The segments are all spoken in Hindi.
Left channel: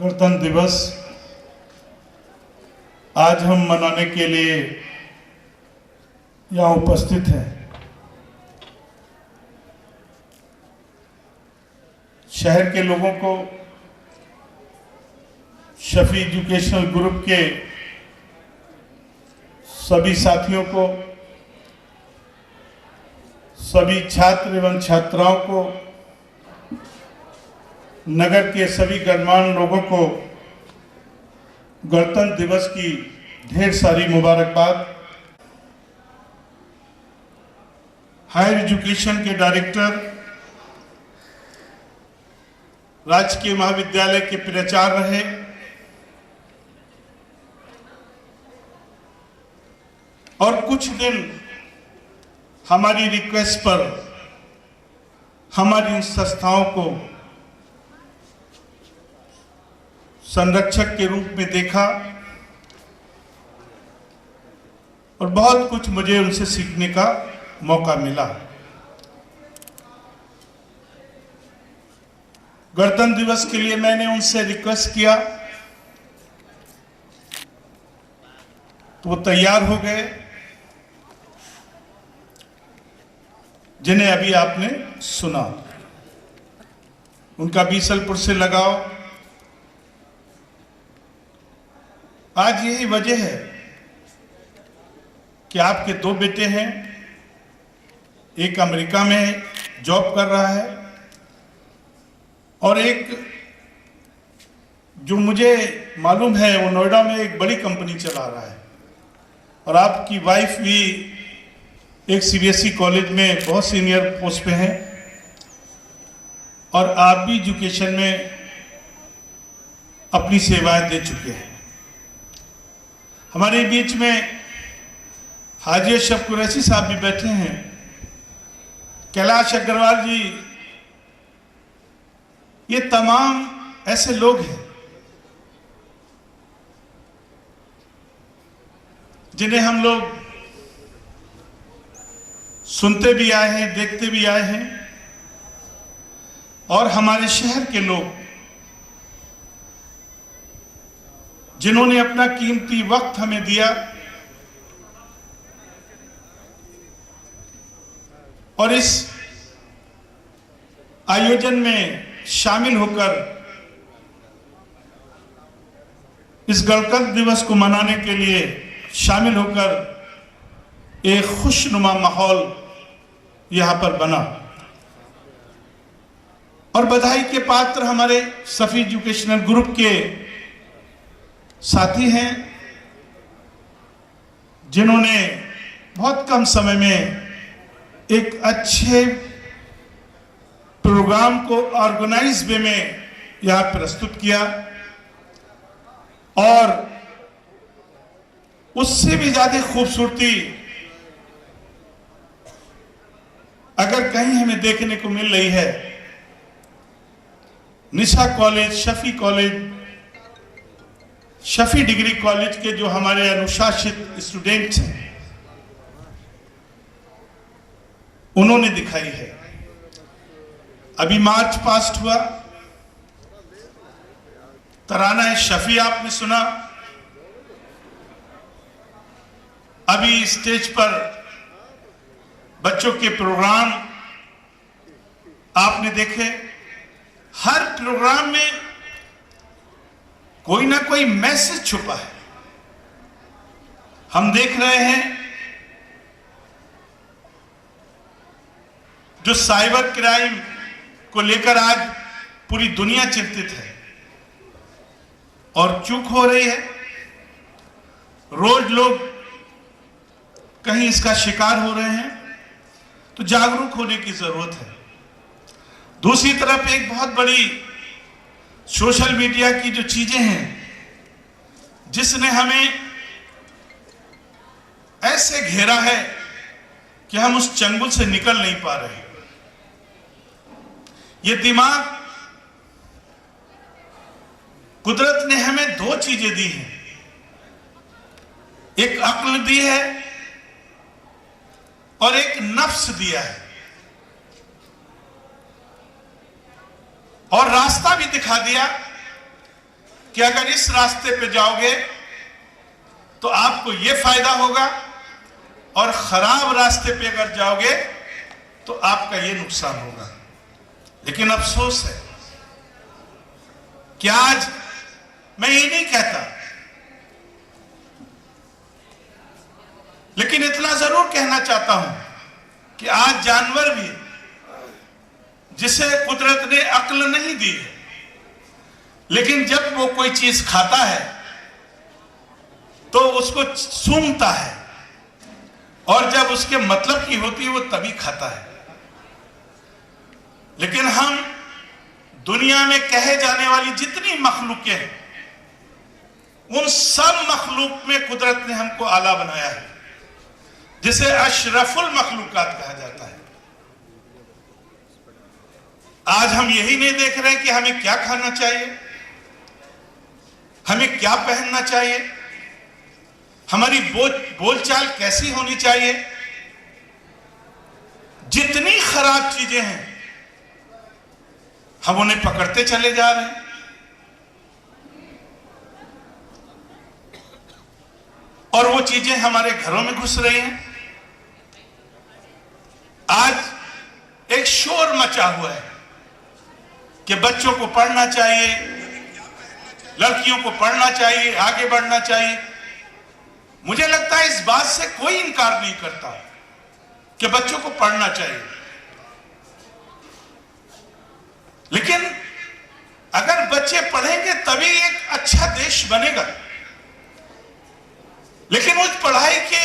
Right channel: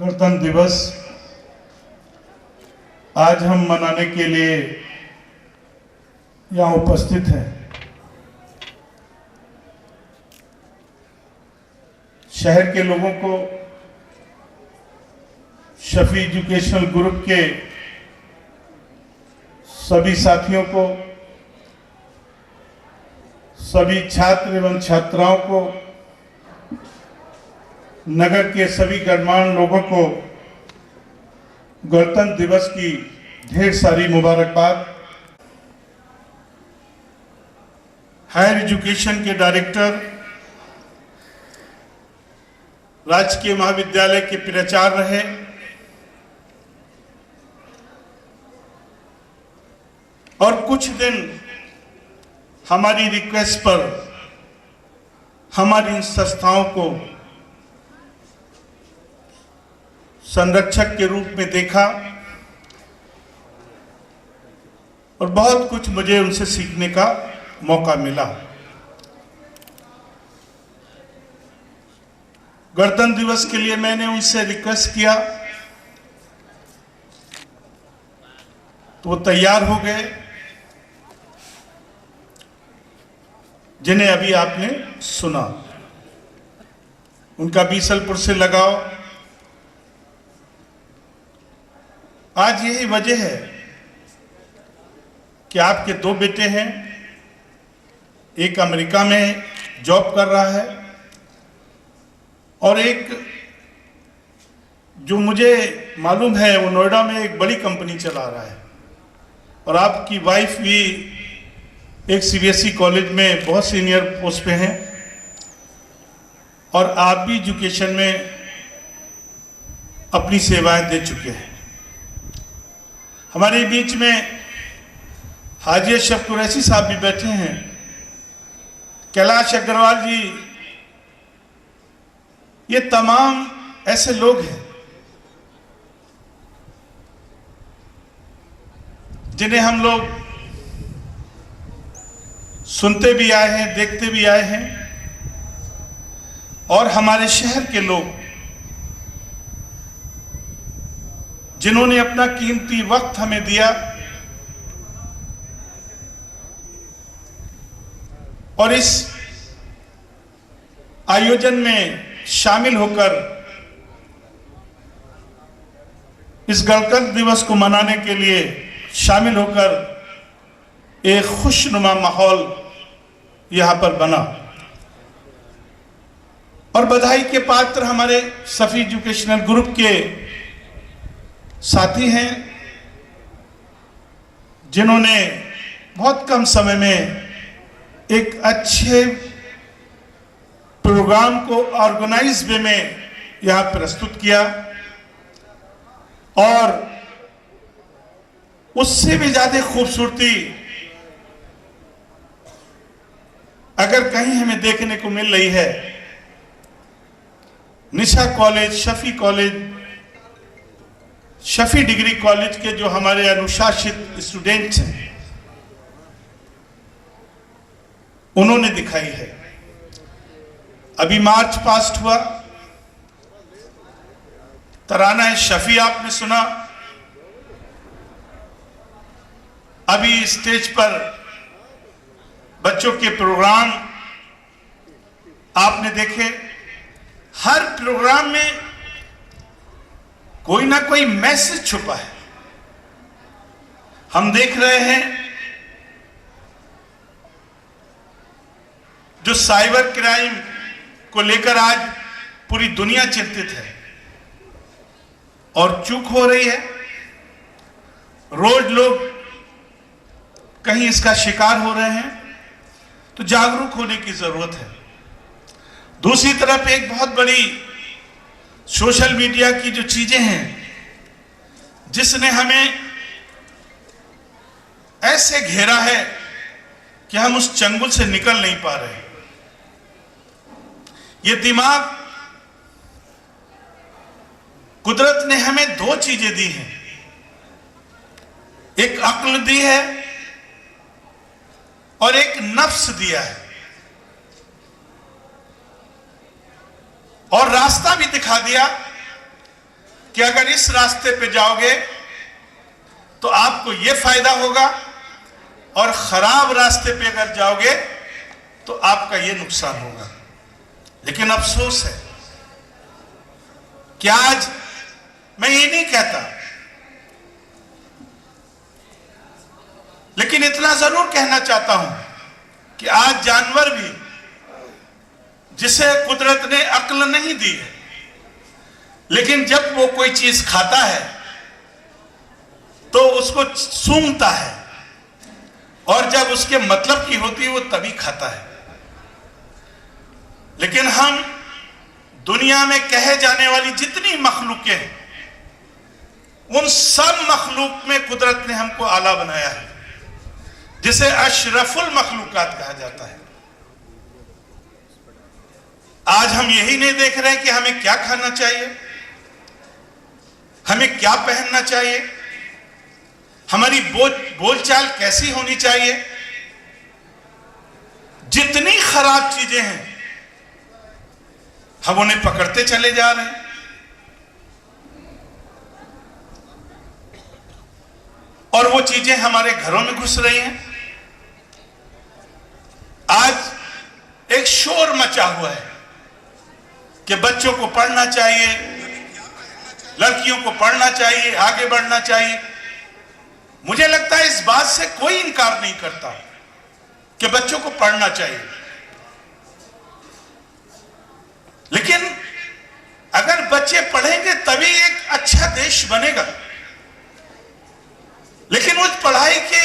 गणतंत्र दिवस आज हम मनाने के लिए यहाँ उपस्थित हैं। शहर के लोगों को, शफी एजुकेशनल ग्रुप के सभी साथियों को, सभी छात्र एवं छात्राओं को, नगर के सभी गणमान्य लोगों को गणतंत्र दिवस की ढेर सारी मुबारकबाद। हायर एजुकेशन के डायरेक्टर, राजकीय महाविद्यालय के प्राचार्य रहे, और कुछ दिन हमारी रिक्वेस्ट पर हमारी इन संस्थाओं को संरक्षक के रूप में देखा और बहुत कुछ मुझे उनसे सीखने का मौका मिला। गणतंत्र दिवस के लिए मैंने उनसे रिक्वेस्ट किया तो वो तैयार हो गए, जिन्हें अभी आपने सुना। उनका बीसलपुर से लगाव। आज यही वजह है कि आपके दो बेटे हैं, एक अमेरिका में जॉब कर रहा है और एक जो मुझे मालूम है वो नोएडा में एक बड़ी कंपनी चला रहा है, और आपकी वाइफ भी एक सीबीएसई कॉलेज में बहुत सीनियर पोस्ट पे हैं, और आप भी एजुकेशन में अपनी सेवाएं दे चुके हैं। हमारे बीच में हाजी अशरफ कुरैशी साहब भी बैठे हैं, कैलाश अग्रवाल जी, ये तमाम ऐसे लोग हैं जिन्हें हम लोग सुनते भी आए हैं, देखते भी आए हैं, और हमारे शहर के लोग जिन्होंने अपना कीमती वक्त हमें दिया और इस आयोजन में शामिल होकर इस गणतंत्र दिवस को मनाने के लिए शामिल होकर एक खुशनुमा माहौल यहां पर बना। और बधाई के पात्र हमारे सफी एजुकेशनल ग्रुप के साथी हैं, जिन्होंने बहुत कम समय में एक अच्छे प्रोग्राम को ऑर्गेनाइज वे में यहां प्रस्तुत किया, और उससे भी ज्यादा खूबसूरती अगर कहीं हमें देखने को मिल रही है, Nisha college, Shafi college, Shafi degree college के जो हमारे अनुशासित स्टूडेंट्स हैं, उन्होंने दिखाई है। अभी मार्च पास्ट हुआ, तराना शफी आपने सुना, अभी स्टेज पर बच्चों के प्रोग्राम आपने देखे। हर प्रोग्राम में कोई ना कोई मैसेज छुपा है। हम देख रहे हैं जो साइबर क्राइम को लेकर आज पूरी दुनिया चिंतित है और चूक हो रही है। रोज लोग कहीं इसका शिकार हो रहे हैं, तो जागरूक होने की जरूरत है। दूसरी तरफ एक बहुत बड़ी सोशल मीडिया की जो चीजें हैं, जिसने हमें ऐसे घेरा है कि हम उस चंगुल से निकल नहीं पा रहे। ये दिमाग, कुदरत ने हमें दो चीजें दी हैं, एक अक्ल दी है और एक नफ्स दिया है, और रास्ता भी दिखा दिया कि अगर इस रास्ते पे जाओगे तो आपको यह फायदा होगा, और खराब रास्ते पे अगर जाओगे तो आपका यह नुकसान होगा। लेकिन अफसोस है कि आज मैं ये नहीं कहता, लेकिन इतना जरूर कहना चाहता हूं कि आज जानवर भी, जिसे कुदरत ने अक्ल नहीं दी है, लेकिन जब वो कोई चीज खाता है तो उसको सूंघता है, और जब उसके मतलब की होती है वो तभी खाता है। लेकिन हम दुनिया में कहे जाने वाली जितनी मखलूकें हैं, उन सब मखलूक में कुदरत ने हमको आला बनाया है, जिसे अशरफुल मखलूकात कहा जाता है। आज हम यही नहीं देख रहे कि हमें क्या खाना चाहिए, हमें क्या पहनना चाहिए, हमारी बोलचाल कैसी होनी चाहिए। जितनी खराब चीजें हैं हम उन्हें पकड़ते चले जा रहे हैं, और वो चीजें हमारे घरों में घुस रही हैं। आज एक शोर मचा हुआ है कि बच्चों को पढ़ना चाहिए, लड़कियों को पढ़ना चाहिए, आगे बढ़ना चाहिए। मुझे लगता है इस बात से कोई इनकार नहीं करता कि बच्चों को पढ़ना चाहिए, लेकिन अगर बच्चे पढ़ेंगे तभी एक अच्छा देश बनेगा। लेकिन उस पढ़ाई के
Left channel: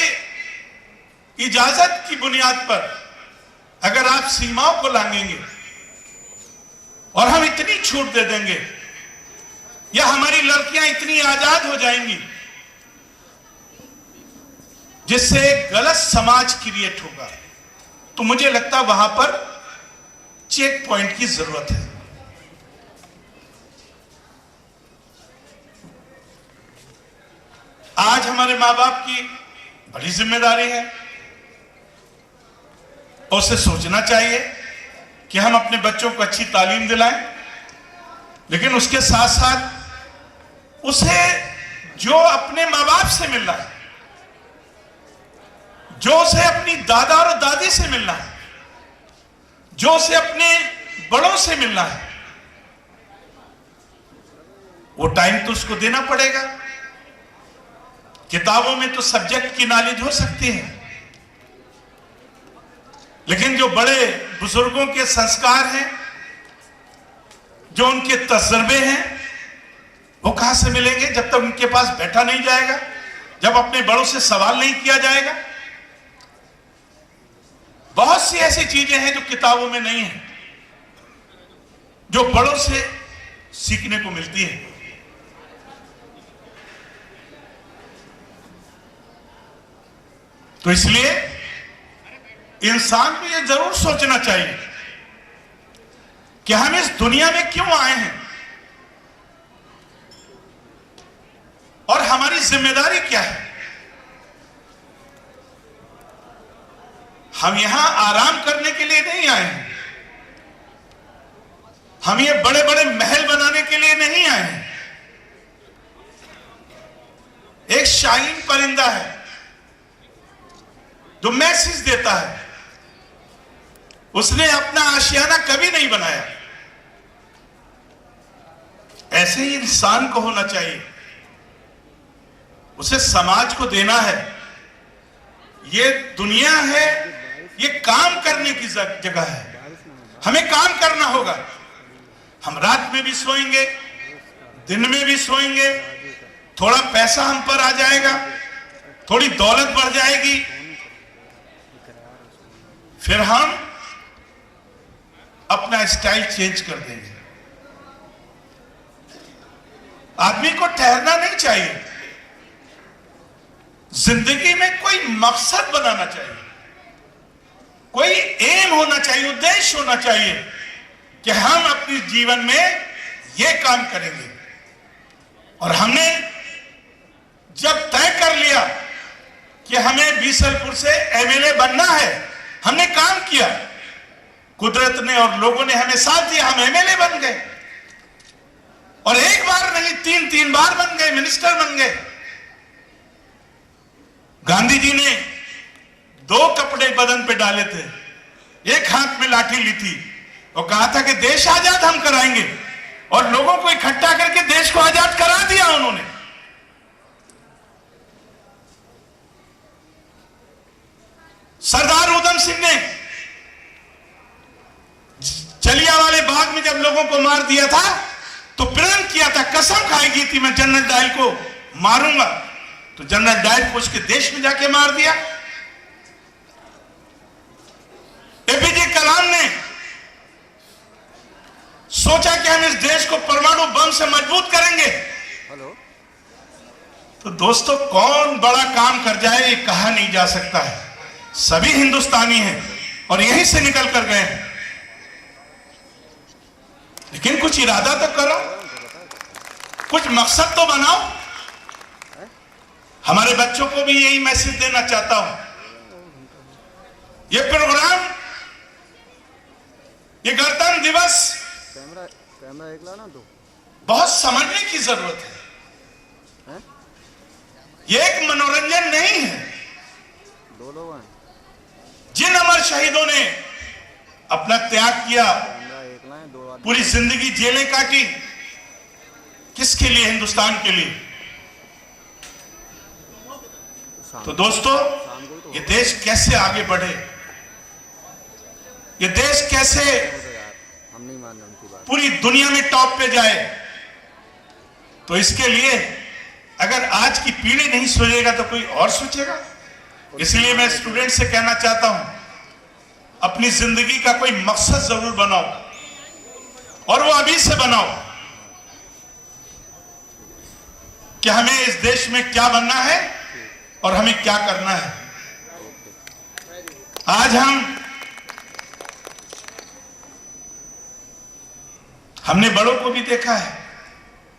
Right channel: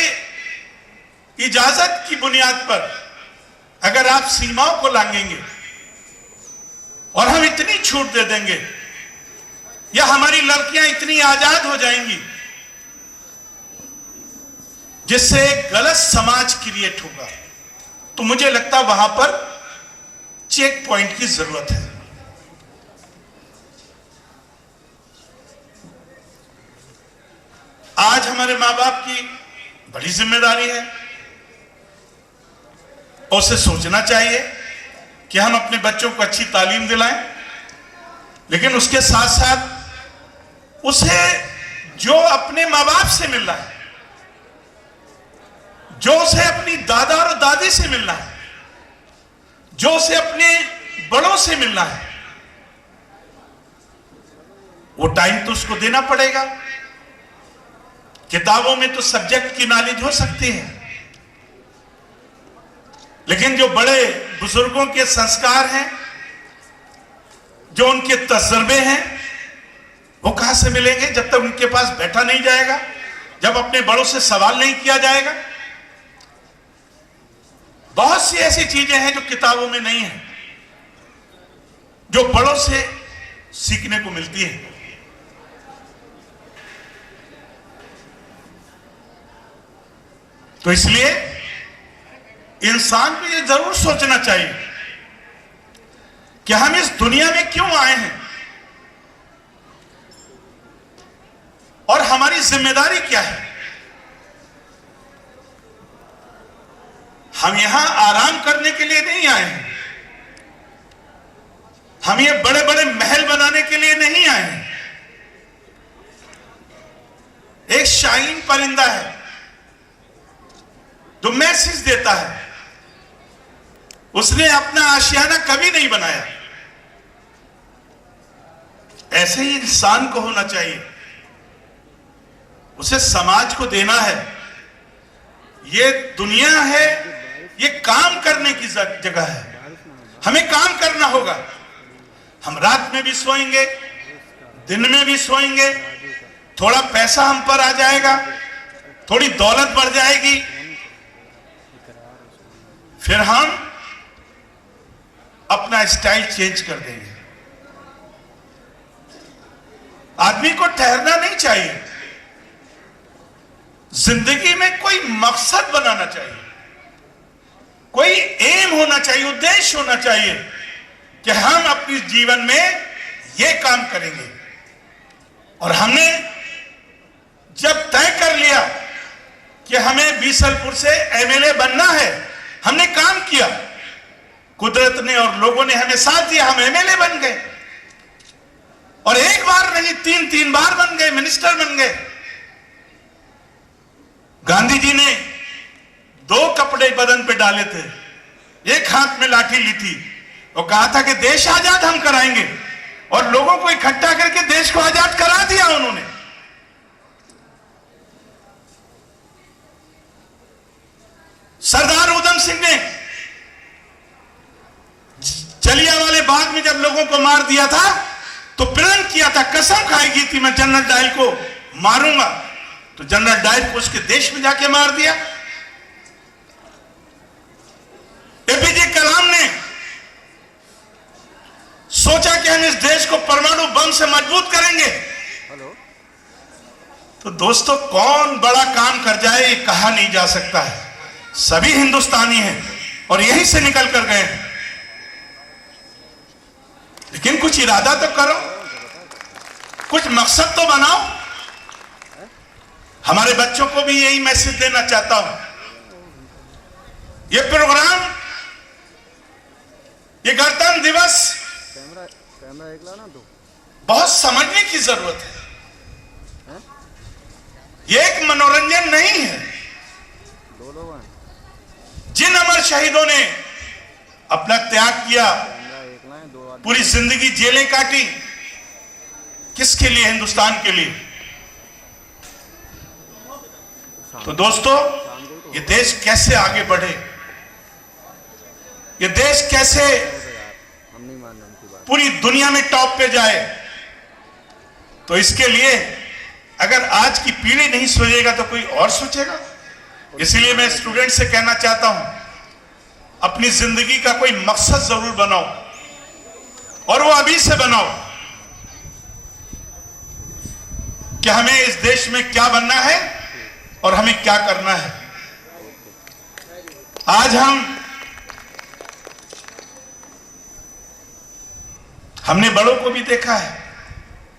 इजाजत की बुनियाद पर अगर आप सीमाओं को लांघेंगे और हम इतनी छूट दे देंगे, या हमारी लड़कियां इतनी आजाद हो जाएंगी जिससे एक गलत समाज क्रिएट होगा, तो मुझे लगता है वहां पर चेक पॉइंट की जरूरत है। आज हमारे मां बाप की बड़ी जिम्मेदारी है, और उसे सोचना चाहिए कि हम अपने बच्चों को अच्छी तालीम दिलाएं, लेकिन उसके साथ साथ उसे जो अपने मां बाप से मिल रहा है, जो उसे अपनी दादा और दादी से मिलना है, जो उसे अपने बड़ों से मिलना है, वो टाइम तो उसको देना पड़ेगा। किताबों में तो सब्जेक्ट की नॉलेज हो सकती है, लेकिन जो बड़े बुजुर्गों के संस्कार हैं, जो उनके तजर्बे हैं, वो कहां से मिलेंगे जब तक उनके पास बैठा नहीं जाएगा, जब अपने बड़ों से सवाल नहीं किया जाएगा। बहुत सी ऐसी चीजें हैं जो किताबों में नहीं है, जो बड़ों से सीखने को मिलती है। तो इसलिए इंसान को यह जरूर सोचना चाहिए कि हम इस दुनिया में क्यों आए हैं और हमारी जिम्मेदारी क्या है। हम यहां आराम करने के लिए नहीं आए हैं, हम ये बड़े बड़े महल बनाने के लिए नहीं आए हैं। एक शाहीन परिंदा है जो मैसेज देता है, उसने अपना आशियाना कभी नहीं बनाया। ऐसे ही इंसान को होना चाहिए, उसे समाज को देना है। ये दुनिया है, ये काम करने की जगह है, हमें काम करना होगा। हम रात में भी सोएंगे, दिन में भी सोएंगे, थोड़ा पैसा हम पर आ जाएगा, थोड़ी दौलत बढ़ जाएगी, फिर हम अपना स्टाइल चेंज कर देंगे। आदमी को ठहरना नहीं चाहिए, जिंदगी में कोई मकसद बनाना चाहिए, कोई एम होना चाहिए, उद्देश्य होना चाहिए कि हम अपने जीवन में ये काम करेंगे। और हमने जब तय कर लिया कि हमें बीसलपुर से एमएलए बनना है, हमने काम किया, कुदरत ने और लोगों ने हमें साथ दिया, हम एमएलए बन गए। और एक बार नहीं, तीन तीन बार बन गए, मिनिस्टर बन गए। गांधी जी ने 2 कपड़े बदन पे डाले थे, एक हाथ में लाठी ली थी और कहा था कि देश आजाद हम कराएंगे, और लोगों को इकट्ठा करके देश को आजाद करा दिया उन्होंने। सरदार उधम सिंह ने जलियांवाले बाग में जब लोगों को मार दिया था तो प्रण किया था, कसम खाई की थी, मैं जनरल डायल को मारूंगा, तो जनरल डायल को उसके देश में जाके मार दिया। एपीजे कलाम ने सोचा कि हम इस देश को परमाणु बम से मजबूत करेंगे। तो दोस्तों, कौन बड़ा काम कर जाए ये कहा नहीं जा सकता है, सभी हिंदुस्तानी हैं और यहीं से निकल कर गए हैं। लेकिन कुछ इरादा तो करो, कुछ मकसद तो बनाओ। हमारे बच्चों को भी यही मैसेज देना चाहता हूं। ये प्रोग्राम, ये गणतंत्र दिवस कैमरा एक लाना दो, बहुत समझने की जरूरत है। ये एक मनोरंजन नहीं है। दो लोग हैं। जिन अमर शहीदों ने अपना त्याग किया, एक लाइन, दो आदमी, पूरी जिंदगी जेलें काटी, किसके लिए? हिंदुस्तान के लिए। तो दोस्तों, ये देश कैसे आगे बढ़े, ये देश कैसे हम नहीं मान रहे उनकी बात, पूरी दुनिया में टॉप पे जाए, तो इसके लिए अगर आज की पीढ़ी नहीं सोचेगा तो कोई और सोचेगा। इसलिए मैं स्टूडेंट से कहना चाहता हूं, अपनी जिंदगी का कोई मकसद जरूर बनाओ, और वो अभी से बनाओ कि हमें इस देश में क्या बनना है और हमें क्या करना है। आज हमने बड़ों को भी देखा है,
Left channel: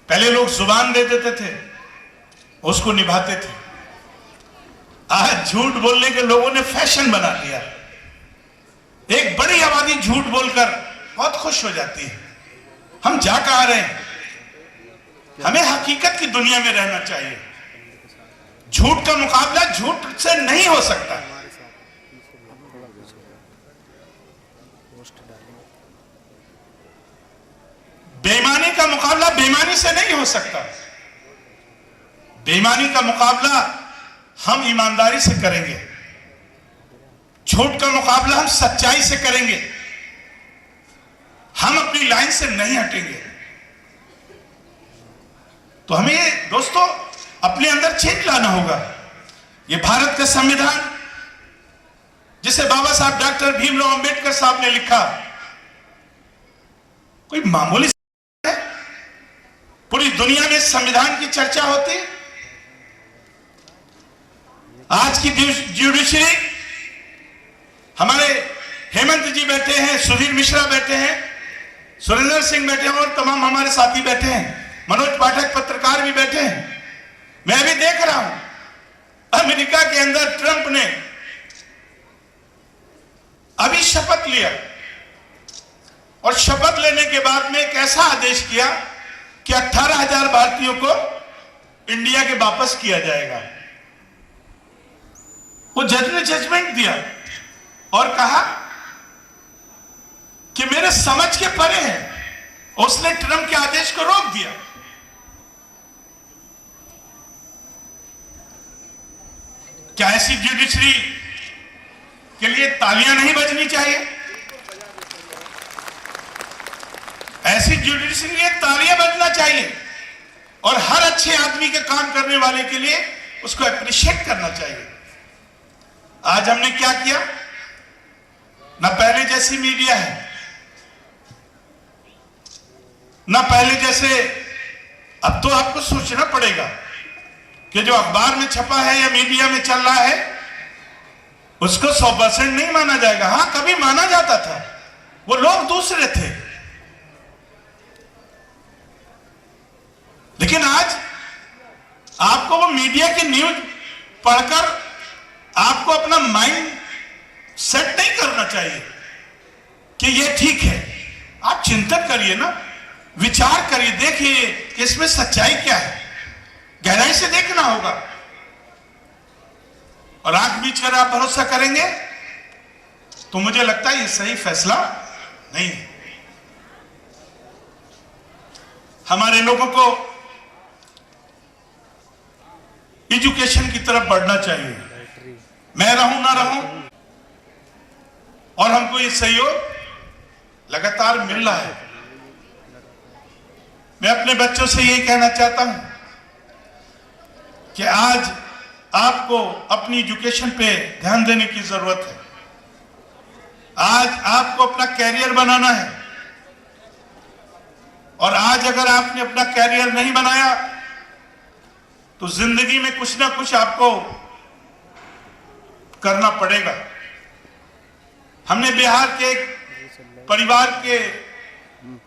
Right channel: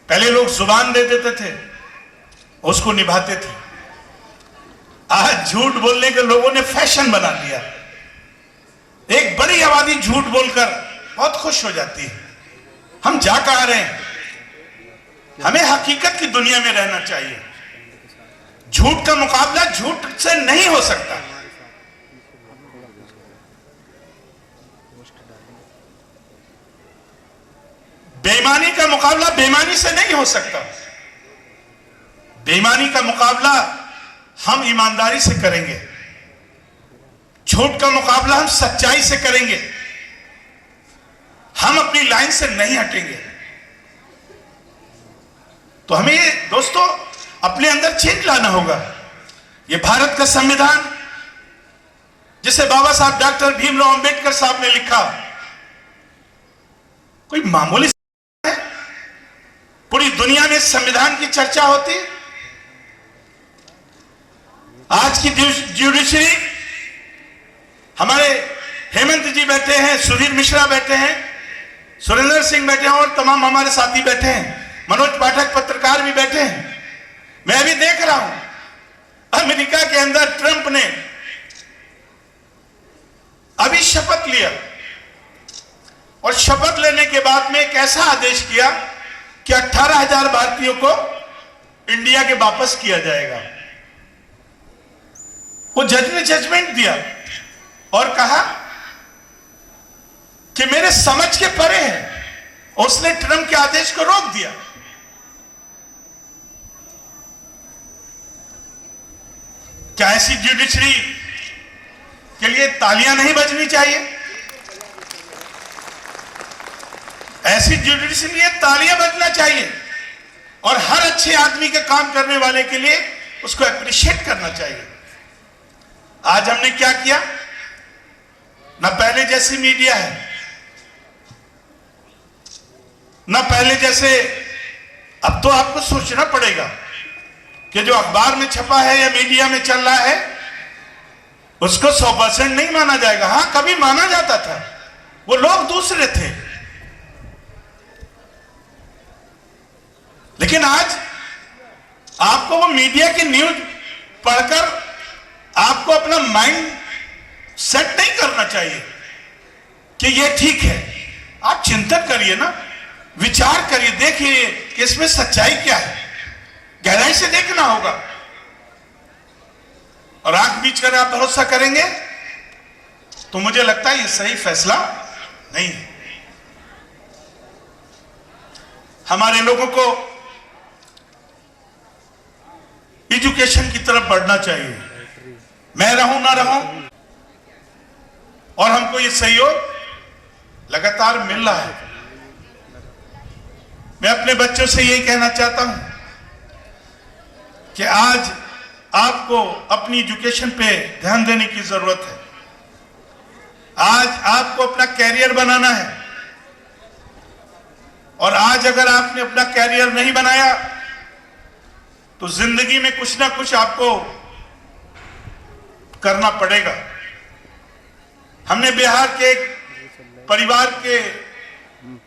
पहले लोग जुबान दे देते थे, उसको निभाते थे। आज झूठ बोलने के लोगों ने फैशन बना दिया। एक बड़ी आबादी झूठ बोलकर बहुत खुश हो जाती है। हम जा कहां रहे हैं? हमें हकीकत की दुनिया में रहना चाहिए। झूठ का मुकाबला झूठ से नहीं हो सकता। बेईमानी का मुकाबला बेईमानी से नहीं हो सकता। बेईमानी का मुकाबला हम ईमानदारी से करेंगे, झूठ का मुकाबला हम सच्चाई से करेंगे, हम अपनी लाइन से नहीं हटेंगे। तो हमें ये दोस्तों अपने अंदर चेंज लाना होगा। ये भारत का संविधान, जिसे बाबा साहब डॉक्टर भीमराव अंबेडकर साहब ने लिखा, कोई मामूली है? पूरी दुनिया में संविधान की चर्चा होती। आज की ज्यूडिशरी, हमारे हेमंत जी बैठे हैं, सुधीर मिश्रा बैठे हैं, सुरेंद्र सिंह बैठे हैं और तमाम हमारे साथी बैठे हैं, मनोज पाठक पत्रकार भी बैठे हैं। मैं भी देख रहा हूं अमेरिका के अंदर ट्रंप ने अभी शपथ लिया, और शपथ लेने के बाद में एक ऐसा आदेश किया कि 18,000 भारतीयों को इंडिया के वापस किया जाएगा। वो जज ने जजमेंट दिया और कहा कि मेरे समझ के परे है, उसने ट्रंप के आदेश को रोक दिया। क्या ऐसी ज्यूडिशरी के लिए तालियां नहीं बजनी चाहिए? ऐसी ज्यूडिशरी के लिए तालियां बजना चाहिए, और हर अच्छे आदमी के काम करने वाले के लिए उसको अप्रिशिएट करना चाहिए। आज हमने क्या किया? ना पहले जैसी मीडिया है, ना पहले जैसे। अब तो आपको सोचना पड़ेगा कि जो अखबार में छपा है या मीडिया में चल रहा है उसको 100% नहीं माना जाएगा। हां, कभी माना जाता था, वो लोग दूसरे थे। लेकिन आज आपको वो मीडिया की न्यूज पढ़कर आपको अपना माइंड सेट नहीं करना चाहिए कि ये ठीक है। आप चिंतन करिए ना, विचार करिए, देखिए कि इसमें सच्चाई क्या है, गहराई से देखना होगा। और आंख बीच कर आप भरोसा करेंगे तो मुझे लगता है ये सही फैसला नहीं है। हमारे लोगों को एजुकेशन की तरफ बढ़ना चाहिए, मैं रहूं ना रहूं, और हमको ये सहयोग लगातार मिल रहा है। मैं अपने बच्चों से यही कहना चाहता हूं कि आज आपको अपनी एजुकेशन पे ध्यान देने की जरूरत है। आज आपको अपना कैरियर बनाना है, और आज अगर आपने अपना कैरियर नहीं बनाया तो जिंदगी में कुछ ना कुछ आपको करना पड़ेगा। हमने बिहार के एक परिवार के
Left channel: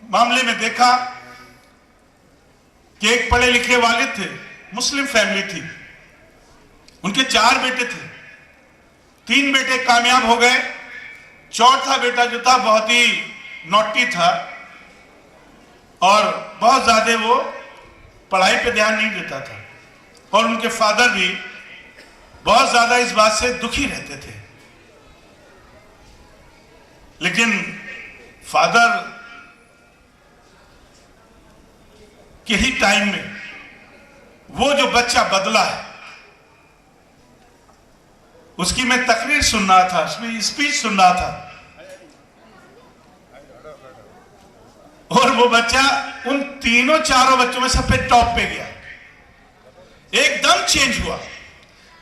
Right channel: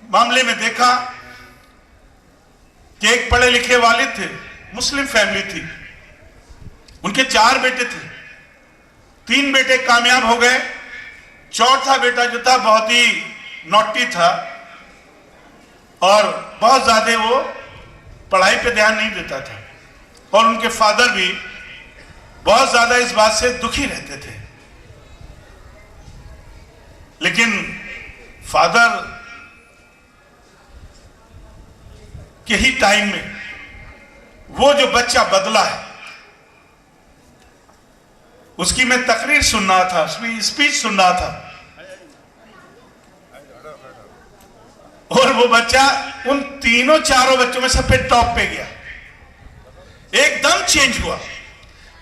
मामले में देखा कि एक पढ़े लिखे वाले थे, मुस्लिम फैमिली थी, उनके 4 बेटे थे, 3 बेटे कामयाब हो गए, चौथा बेटा जो था बहुत ही नॉटी था और बहुत ज्यादा वो पढ़ाई पे ध्यान नहीं देता था, और उनके फादर भी बहुत ज्यादा इस बात से दुखी रहते थे। लेकिन फादर के ही टाइम में वो जो बच्चा बदला है, उसकी मैं तकरीर सुन रहा था, उसमें स्पीच सुन रहा था, और वो बच्चा उन तीनों चारों बच्चों में सबसे टॉप पे गया, एकदम चेंज हुआ,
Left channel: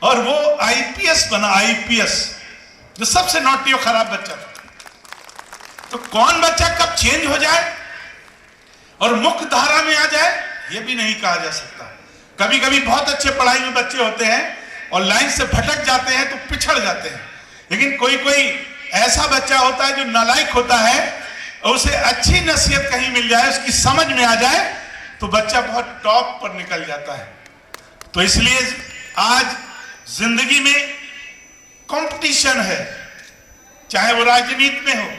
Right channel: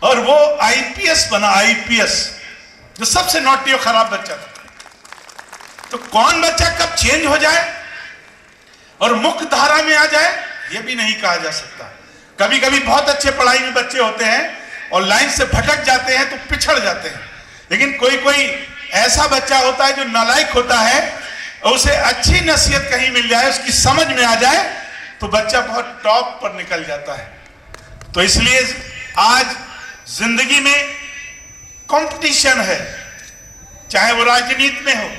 और वो आईपीएस बना, आईपीएस, जो सबसे नॉटी और खराब बच्चा था। तो कौन बच्चा कब चेंज हो जाए और मुख्य धारा में आ जाए, ये भी नहीं कहा जा सकता। कभी कभी बहुत अच्छे पढ़ाई में बच्चे होते हैं और लाइन से भटक जाते हैं तो पिछड़ जाते हैं, लेकिन कोई कोई ऐसा बच्चा होता है जो नालायक होता है, और उसे अच्छी नसीहत कहीं मिल जाए, उसकी समझ में आ जाए, तो बच्चा बहुत टॉप पर निकल जाता है। तो इसलिए आज जिंदगी में कंपटीशन है, चाहे वो राजनीति में हो,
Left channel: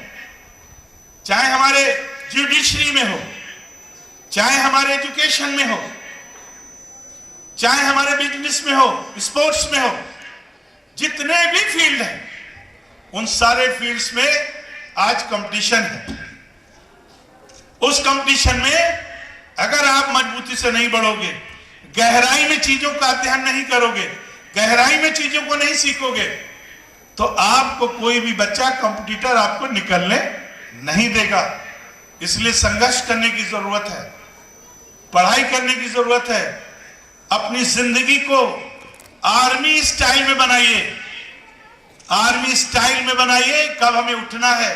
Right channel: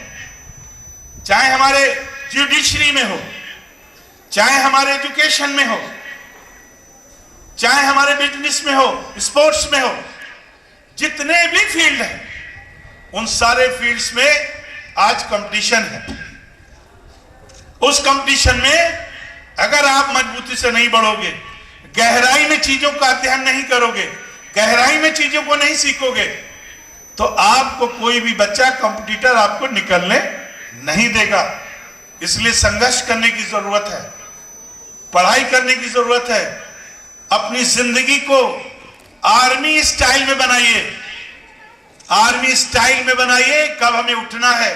चाहे हमारे जुडिशरी में हो, चाहे हमारे एजुकेशन में हो, चाहे हमारे बिजनेस में हो, स्पोर्ट्स में हो, जितने भी फील्ड हैं उन सारे फील्ड्स में आज कंपटीशन है। उस कंपटीशन में अगर आप मजबूती से नहीं बढ़ोगे, गहराई में चीजों का अध्ययन नहीं करोगे, गहराई में चीजों को नहीं सीखोगे, तो आपको कोई भी बच्चा कंपटीटर आपको निकलने नहीं देगा। इसलिए संघर्ष करने की जरूरत है, पढ़ाई करने की जरूरत है। अपनी जिंदगी को आर्मी स्टाइल में बनाइए, आर्मी स्टाइल में बनाइए। कब हमें उठना है,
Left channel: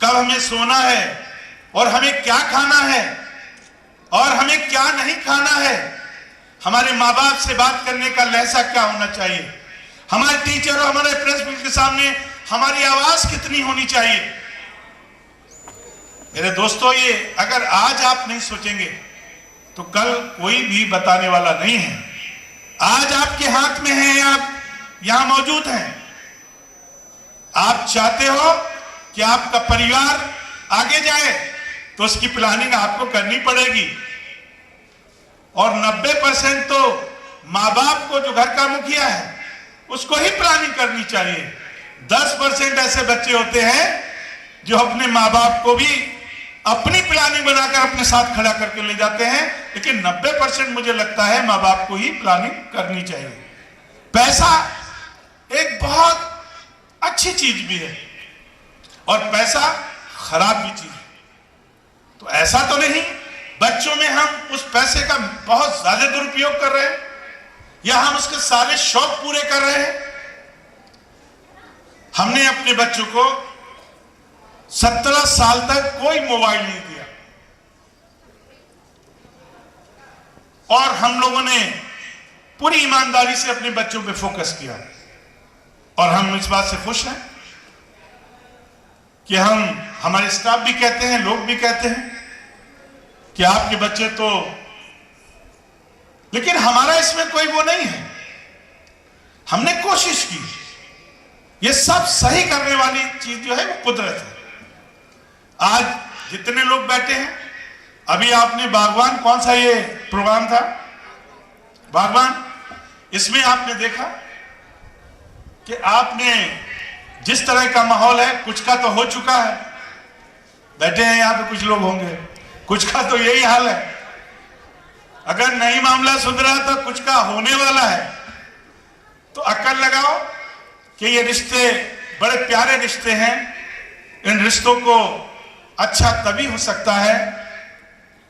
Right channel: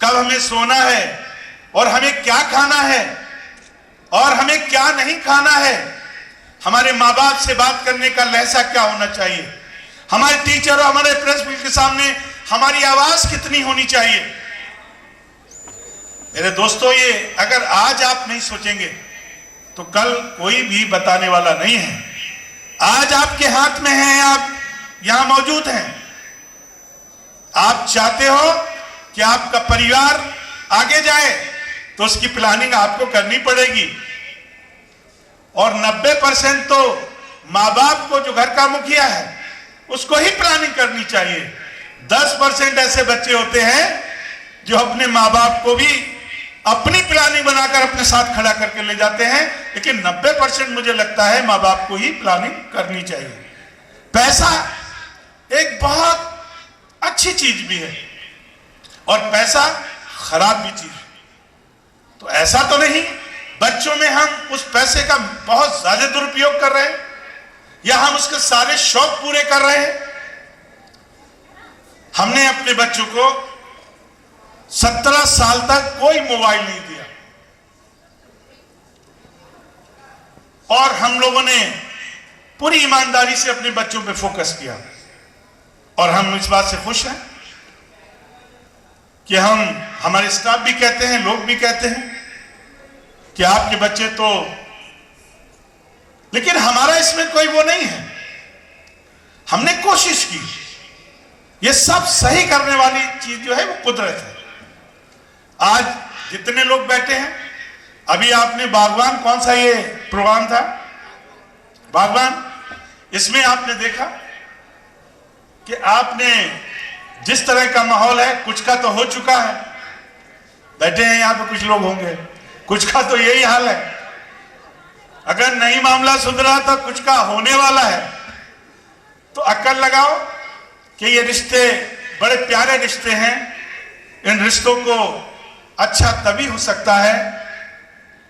कब हमें सोना है, और हमें क्या खाना है और हमें क्या नहीं खाना है। हमारे माँ बाप से बात करने का लहजा क्या होना चाहिए, हमारे टीचर और हमारे प्रिंसिपल के सामने हमारी आवाज कितनी होनी चाहिए। मेरे दोस्तों, ये अगर आज आप नहीं सोचेंगे तो कल कोई भी बताने वाला नहीं है। आज आपके हाथ में है, आप यहां मौजूद हैं। आप चाहते हो कि आपका परिवार आगे जाए तो उसकी प्लानिंग आपको करनी पड़ेगी, और 90% तो माँ बाप को, जो घर का मुखिया है, उसको ही प्लानिंग करनी चाहिए। 10% ऐसे बच्चे होते हैं जो अपने माँ बाप को भी अपनी प्लानिंग बनाकर अपने साथ खड़ा करके ले जाते हैं, लेकिन 90% मुझे लगता है माँ बाप को ही प्लानिंग करनी चाहिए। पैसा एक बहुत अच्छी चीज भी है और पैसा खराब भी चीज है। तो ऐसा तो नहीं बच्चों में हम उस पैसे का बहुत ज्यादा दुरुपयोग कर रहे हैं, या हम उसके सारे शौक पूरे कर रहे हैं। हमने अपने बच्चों को 17 साल तक कोई मोबाइल नहीं दिया, और हम लोगों ने पूरी ईमानदारी से अपने बच्चों पे फोकस किया, और हम इस बात से खुश हैं कि हमारे स्टाफ भी कहते हैं, लोग भी कहते हैं कि आपके बच्चे तो, लेकिन हमारा इसमें कोई वो नहीं है। हमने कोशिश की, ये सब सही करने वाली चीज जो है वो कुदरत है। आज जितने लोग बैठे हैं अभी आपने बागवान, कौन सा ये प्रोग्राम था, बागवान, इसमें आपने देखा कि आपने जिस तरह का माहौल है, कुछ का तो हो चुका है, बैठे हैं यहाँ पे कुछ लोग होंगे, कुछ का तो यही हाल है, अगर नहीं मामला सुधरा तो कुछ का होने वाला है। तो अक्ल लगाओ कि ये रिश्ते बड़े प्यारे रिश्ते हैं, इन रिश्तों को अच्छा तभी हो सकता है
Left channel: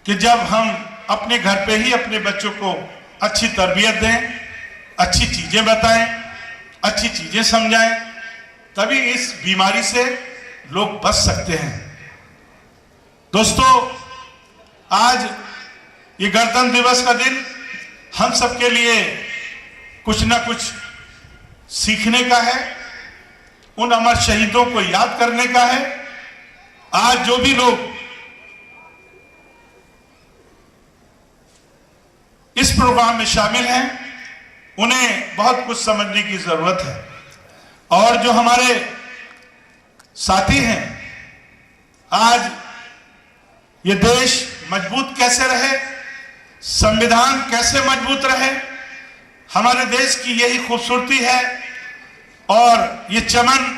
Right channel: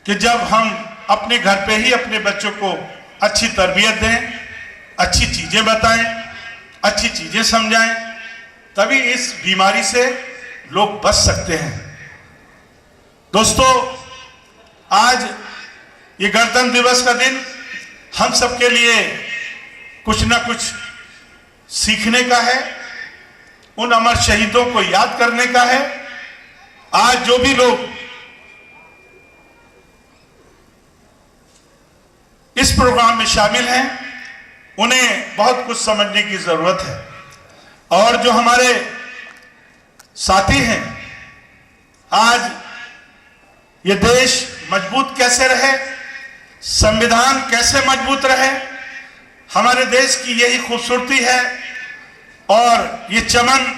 कि जब हम अपने घर पे ही अपने बच्चों को अच्छी तरबियत दें, अच्छी चीजें बताएं, अच्छी चीजें समझाएं, तभी इस बीमारी से लोग बच सकते हैं। दोस्तों, आज ये गणतंत्र दिवस का दिन हम सबके लिए कुछ ना कुछ सीखने का है, उन अमर शहीदों को याद करने का है। आज जो भी लोग इस प्रोग्राम में शामिल हैं, उन्हें बहुत कुछ समझने की जरूरत है। और जो हमारे साथी हैं, आज ये देश मजबूत कैसे रहे, संविधान कैसे मजबूत रहे, हमारे देश की यही खूबसूरती है और ये चमन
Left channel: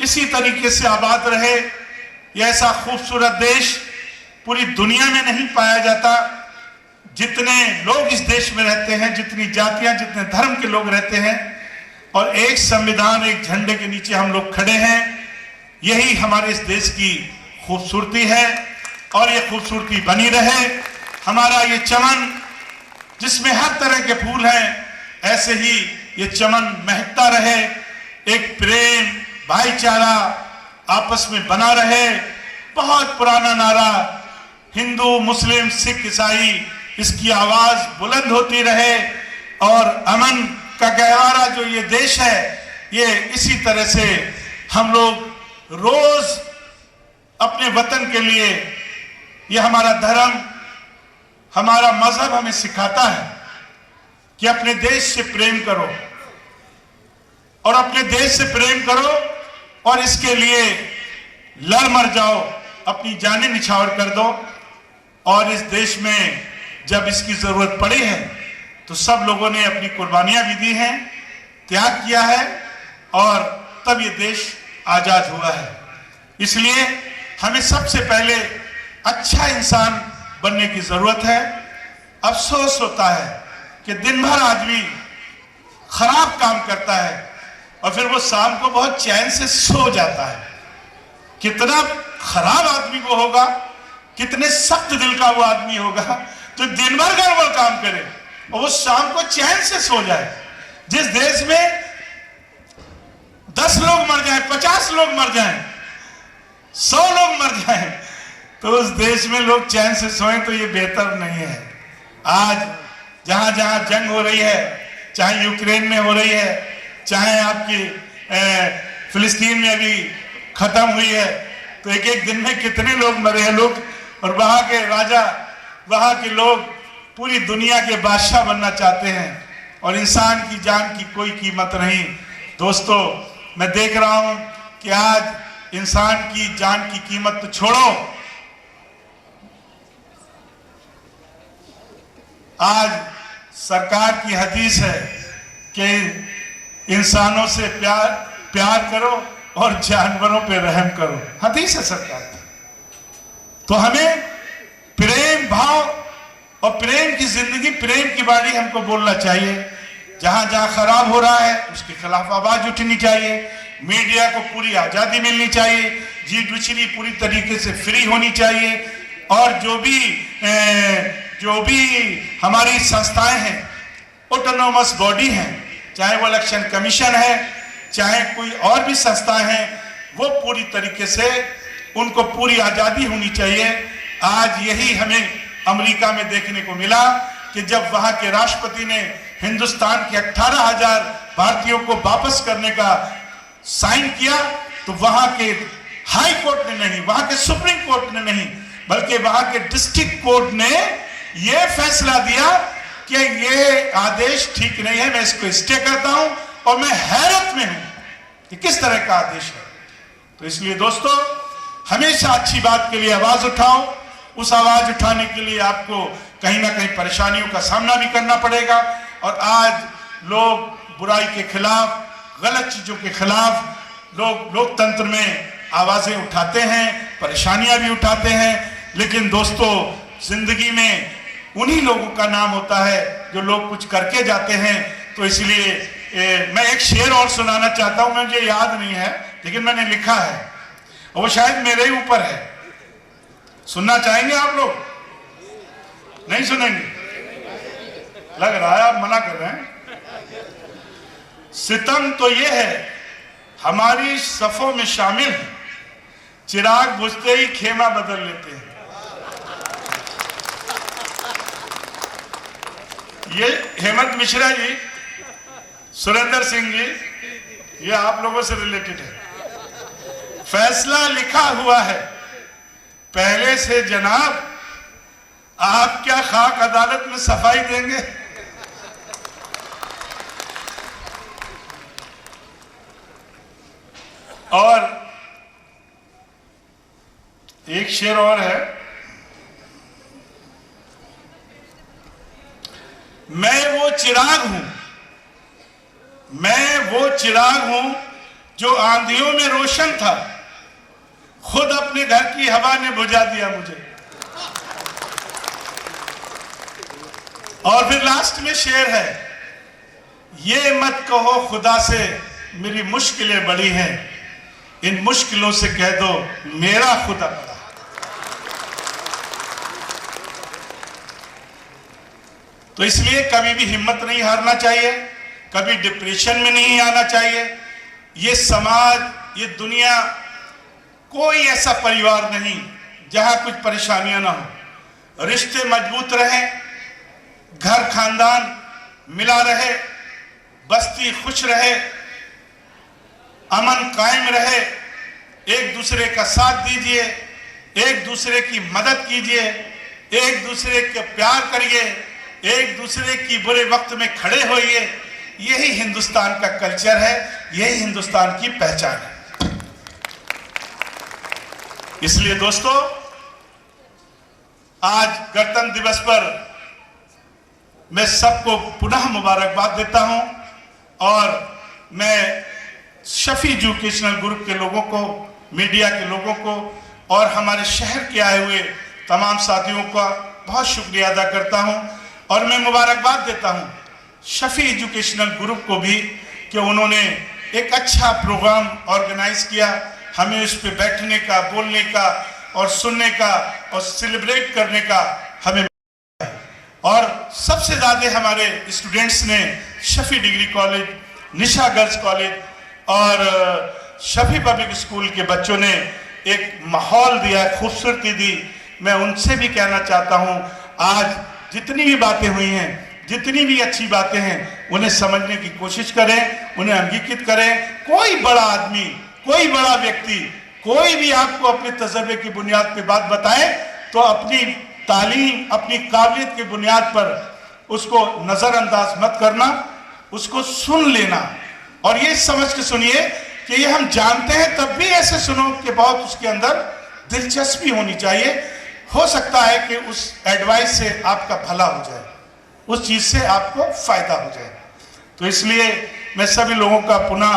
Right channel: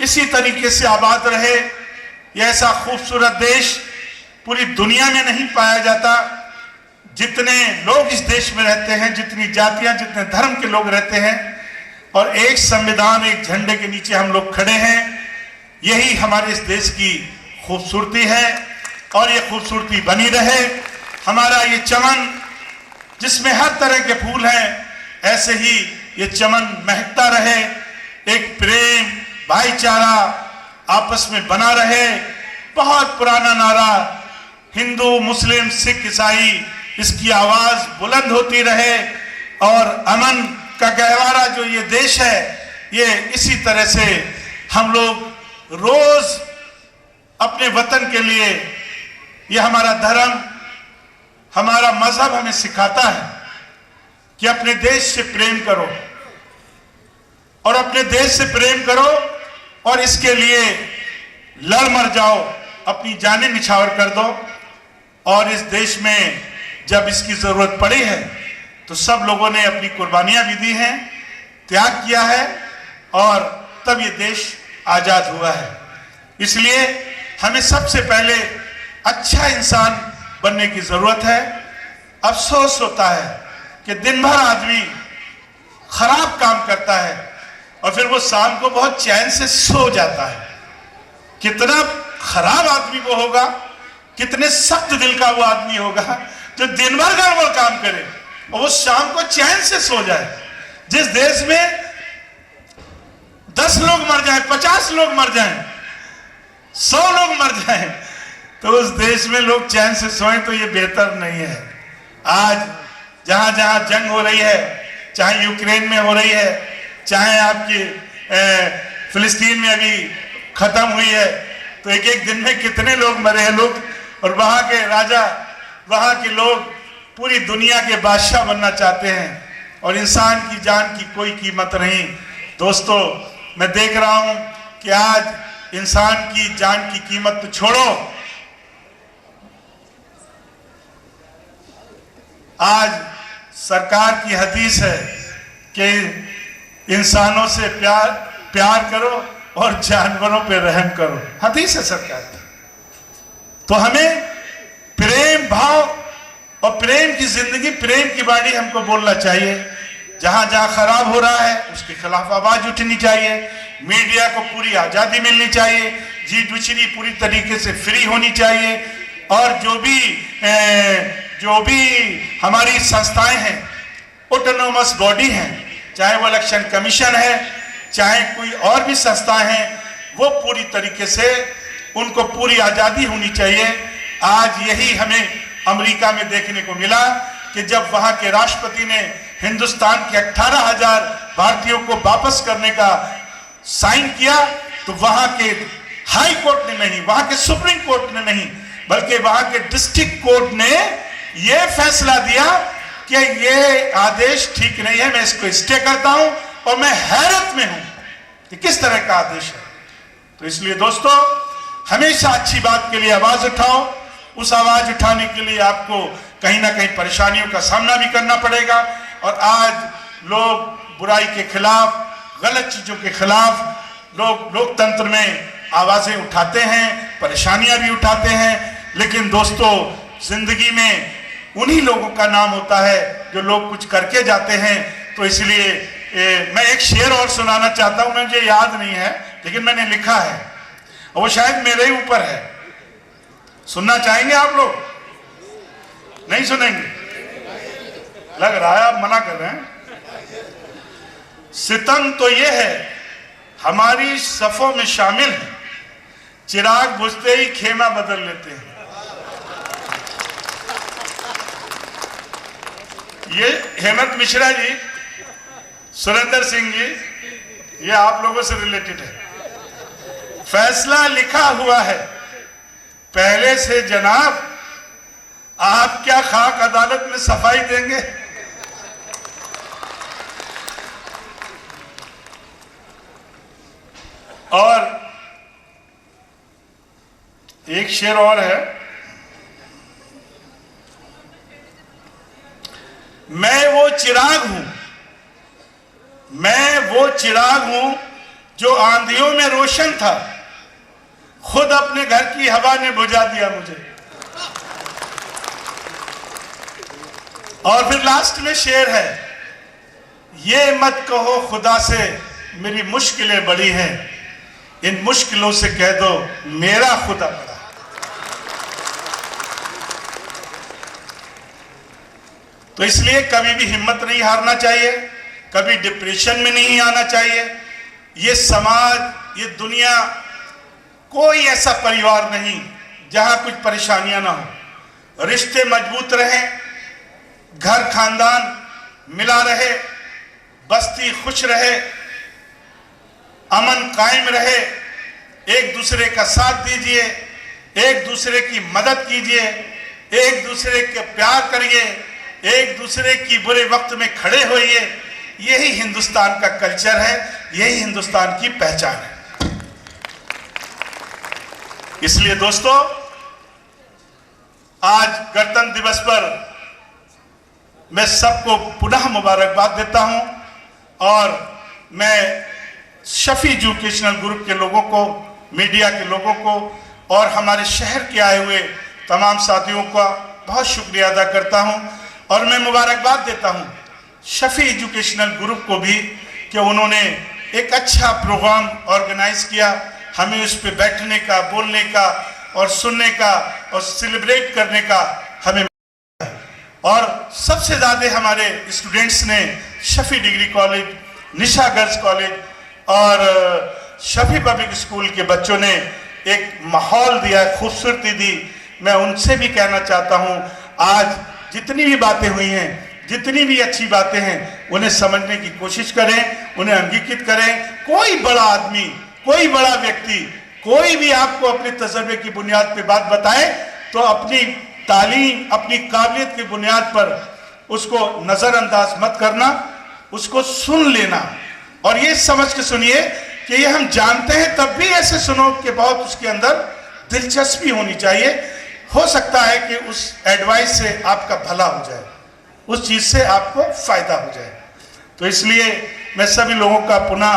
इसी तरीके से आबाद रहे। ये ऐसा खूबसूरत देश पूरी दुनिया में नहीं पाया जाता। जितने लोग इस देश में रहते हैं, जितनी जातियां, जितने धर्म के लोग रहते हैं, और एक संविधान, एक झंडे के नीचे हम लोग खड़े हैं, यही हमारे इस देश की खूबसूरती है और ये खूबसूरती बनी रहे। हमारा ये चमन जिसमें हर तरह के फूल हैं, ऐसे ही ये चमन महकता रहे, एक प्रेम, भाईचारा आपस में बना रहे। बहुत पुराना नारा, हिंदू, मुस्लिम, सिख, ईसाई, इसकी आवाज बुलंद होती रहे और अमन का गहवारा जो ये देश है, ये इसी तरह से हम लोग रोज अपने वतन के लिए, ये हमारा धर्म, हमारा मजहब हमें सिखाता है कि अपने देश से प्रेम करो और अपने देश से प्रेम करो और इसके लिए लड़ मर जाओ, अपनी जानें निछावर कर दो। और इस देश में जब इसकी जरूरत पड़ी है तो सब लोगों ने अपनी कुर्बानियां भी दी हैं, त्याग किया है, और तब ये देश आजाद हुआ है। इसलिए हमें सबसे पहले अच्छा इंसान बनने की जरूरत है। अफसोस होता है कि दिन भर आदमी खराब काम करता है और फिर वो शाम को बहुत चैन से सो जाता है। कितना खराब आदमी वो होगा, कितने सख्त दिल का वो आदमी होगा जो दिन भर गड़बड़ काम करे और वो शाम को चैन से सो जाए। जिस देश में 10 लोग मर जाएं, 50 लोग मर जाएं, 100 लोग मर जाएं, तो उस देश में लोग चैन से सोएं तो ये बेहतर नहीं है। आज जहां जहां जंग हो रही है, चाहे यूक्रेन में हो रही है, चाहे आपकी फिलिस्तीन में अभी खत्म हुई है, तो एक एक दिन में कितने लोग मरे हैं लोग, और वहां के राजा, वहां के लोग पूरी दुनिया के बादशाह बनना चाहते हैं और इंसान की जान की कोई कीमत नहीं। दोस्तों, मैं देख रहा हूं कि आज इंसान की जान की कीमत तो छोड़ो, आज सरकार की हदीस है कि इंसानों से प्यार करो और जानवरों पे रहम करो, हदीस है सरकार की। तो हमें प्रेम भाव और प्रेम की जिंदगी, प्रेम की बाणी हमको बोलना चाहिए। जहां जहां खराब हो रहा है उसके खिलाफ आवाज उठनी चाहिए। मीडिया को पूरी आजादी मिलनी चाहिए, जी पूरी तरीके से फ्री होनी चाहिए। और जो भी हमारी संस्थाएं हैं, ऑटोनोमस बॉडी हैं, चाहे वो इलेक्शन कमीशन है, चाहे कोई और भी संस्थाएं हैं, वो पूरी तरीके से उनको पूरी आजादी होनी चाहिए। आज यही हमें अमेरिका में देखने को मिला कि जब वहां के राष्ट्रपति ने हिंदुस्तान के 18,000 भारतीयों को वापस करने का साइन किया, तो वहां के हाई कोर्ट ने नहीं, वहां के सुप्रीम कोर्ट ने नहीं, बल्कि वहां के डिस्ट्रिक्ट कोर्ट ने यह फैसला दिया कि ये आदेश ठीक नहीं है, मैं इसको स्टे करता हूं। और मैं हैरत में हूं कि किस तरह का आदेश है। तो इसलिए दोस्तों, हमेशा अच्छी बात के लिए आवाज उठाओ, उस आवाज उठाने के लिए आपको कहीं ना कहीं परेशानियों का सामना भी करना पड़ेगा। और आज लोग बुराई के खिलाफ, गलत चीजों के खिलाफ लोग लोकतंत्र में आवाजें उठाते हैं, परेशानियां भी उठाते हैं। लेकिन दोस्तों, जिंदगी में उन्हीं लोगों का नाम होता है जो लोग कुछ करके जाते हैं। तो इसलिए मैं एक शेर और सुनाना चाहता हूं, मुझे याद नहीं है लेकिन मैंने लिखा है और वो शायद मेरे ही ऊपर है। सुनना चाहेंगे आप लोग? नहीं सुनेंगे? लग रहा है आप मना कर रहे हैं। सितम तो ये है हमारी सफों में शामिल है, चिराग बुझते ही खेमा बदल लेते हैं। ये हेमंत मिश्रा जी, सुरेंद्र सिंह जी, ये आप लोगों से रिलेटेड है। फैसला लिखा हुआ है पहले से जनाब, आप क्या खाक अदालत में सफाई देंगे? और एक शेर और है, मैं वो चिराग हूं, मैं वो चिराग हूं जो आंधियों में रोशन था, खुद अपने घर की हवा ने बुझा दिया मुझे। और फिर लास्ट में शेर है, ये मत कहो खुदा से मेरी मुश्किलें बड़ी हैं, इन मुश्किलों से कह दो मेरा खुदा बड़ा। तो इसलिए कभी भी हिम्मत नहीं हारना चाहिए, कभी डिप्रेशन में नहीं आना चाहिए। ये समाज, ये दुनिया, कोई ऐसा परिवार नहीं जहां कुछ परेशानियां ना हो। रिश्ते मजबूत रहें, घर खानदान मिला रहे, बस्ती खुश रहे, अमन कायम रहे, एक दूसरे का साथ दीजिए, एक दूसरे की मदद कीजिए, एक दूसरे के प्यार करिए, एक दूसरे की बुरे वक्त में खड़े होइए। यही हिंदुस्तान का कल्चर है, यही हिंदुस्तान की पहचान है। इसलिए दोस्तों, आज गणतंत्र दिवस पर मैं सबको पुनः मुबारकबाद देता हूं और मैं शफी एजुकेशनल ग्रुप के लोगों को, मीडिया के लोगों को और हमारे शहर के आए हुए तमाम साथियों का बहुत शुक्रिया अदा करता हूं। और मैं मुबारकबाद देता हूं शफी एजुकेशनल ग्रुप को भी कि उन्होंने एक अच्छा प्रोग्राम ऑर्गेनाइज किया, हमें उस पर बैठने का, बोलने का और सुनने का और सेलिब्रेट करने का हमें। और सबसे ज़्यादा हमारे स्टूडेंट्स ने शफी डिग्री कॉलेज, निशा गर्ल्स कॉलेज और शफी पब्लिक स्कूल के बच्चों ने एक माहौल दिया, खूबसूरती दी। मैं उनसे भी कहना चाहता हूं, आज जितनी भी बातें हुई हैं, जितनी भी अच्छी बातें हैं, उन्हें समझने की कोशिश करें, उन्हें अंगीकृत करें। कोई बड़ा आदमी, कोई बड़ा व्यक्ति, कोई भी आपको अपने तजर्बे की बुनियाद पर बात बताए तो अपनी तालीम, अपनी काबिलियत की बुनियाद पर उसको नजरअंदाज मत करना, उसको सुन लेना और ये समझ के सुनिए कि ये हम जानते हैं, तब भी ऐसे सुनो कि बहुत उसके अंदर दिलचस्पी होनी चाहिए। हो सकता है कि उस एडवाइस से आपका भला हो जाए, उस चीज से आपको फायदा हो जाए। तो इसलिए मैं सभी लोगों का पुनः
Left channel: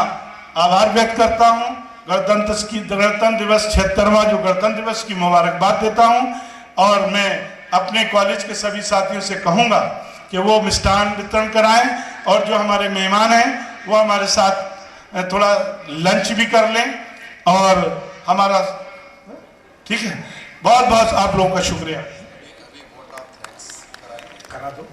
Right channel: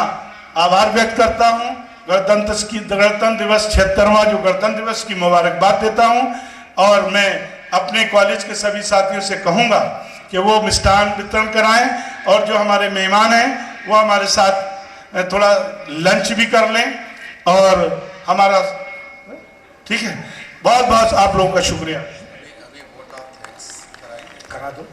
आभार व्यक्त करता हूं। गणतंत्र दिवस 76वां जो गणतंत्र दिवस की मुबारकबाद देता हूं और मैं अपने कॉलेज के सभी साथियों से कहूंगा कि वो मिष्ठान वितरण कराएं और जो हमारे मेहमान हैं वो हमारे साथ थोड़ा लंच भी कर लें और हमारा, ठीक है। बहुत बहुत आप लोगों का शुक्रिया। करा दो,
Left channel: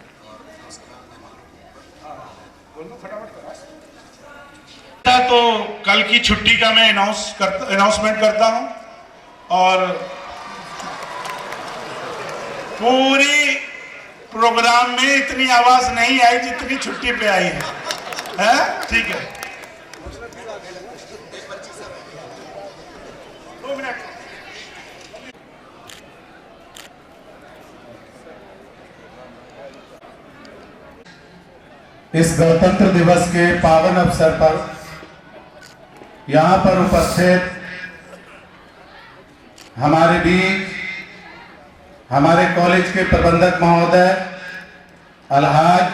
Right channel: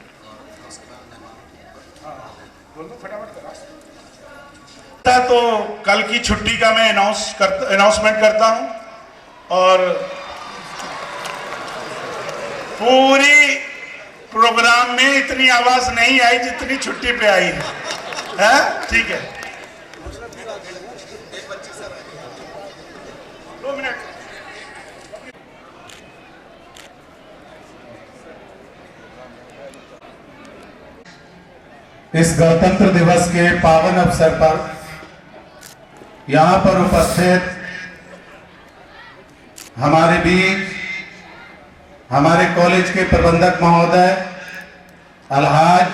बोल दो फटाफट करा। तो कल की छुट्टी का मैं अनाउंसमेंट करता हूं और पूरी प्रोग्राम में इतनी आवाज नहीं आई जितनी छुट्टी पे आई है, ठीक है। 2 मिनट। इस गणतंत्र दिवस के पावन अवसर पर यहाँ पर उपस्थित हमारे बीच हमारे कॉलेज के प्रबंधक महोदय अलहाज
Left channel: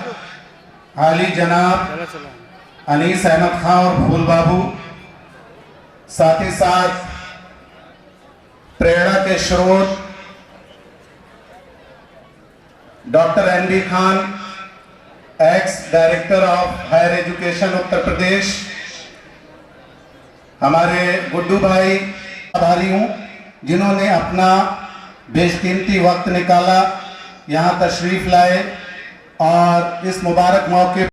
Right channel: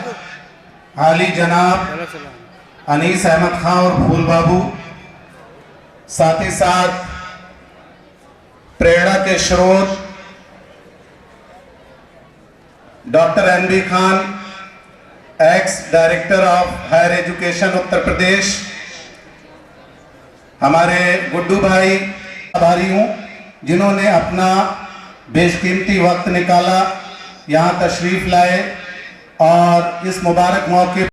आली जनाब अनीस अहमद खान और फूल बाबू, साथ ही साथ प्रेरणा के स्रोत doctor N D Khan, ex director of higher education Uttar Pradesh, हमारे गुड्डू भाई आभारी हूँ जिन्होंने अपना बेशकीमती वक्त निकाला, यहाँ तशरीफ लाए और इस मुबारक मौके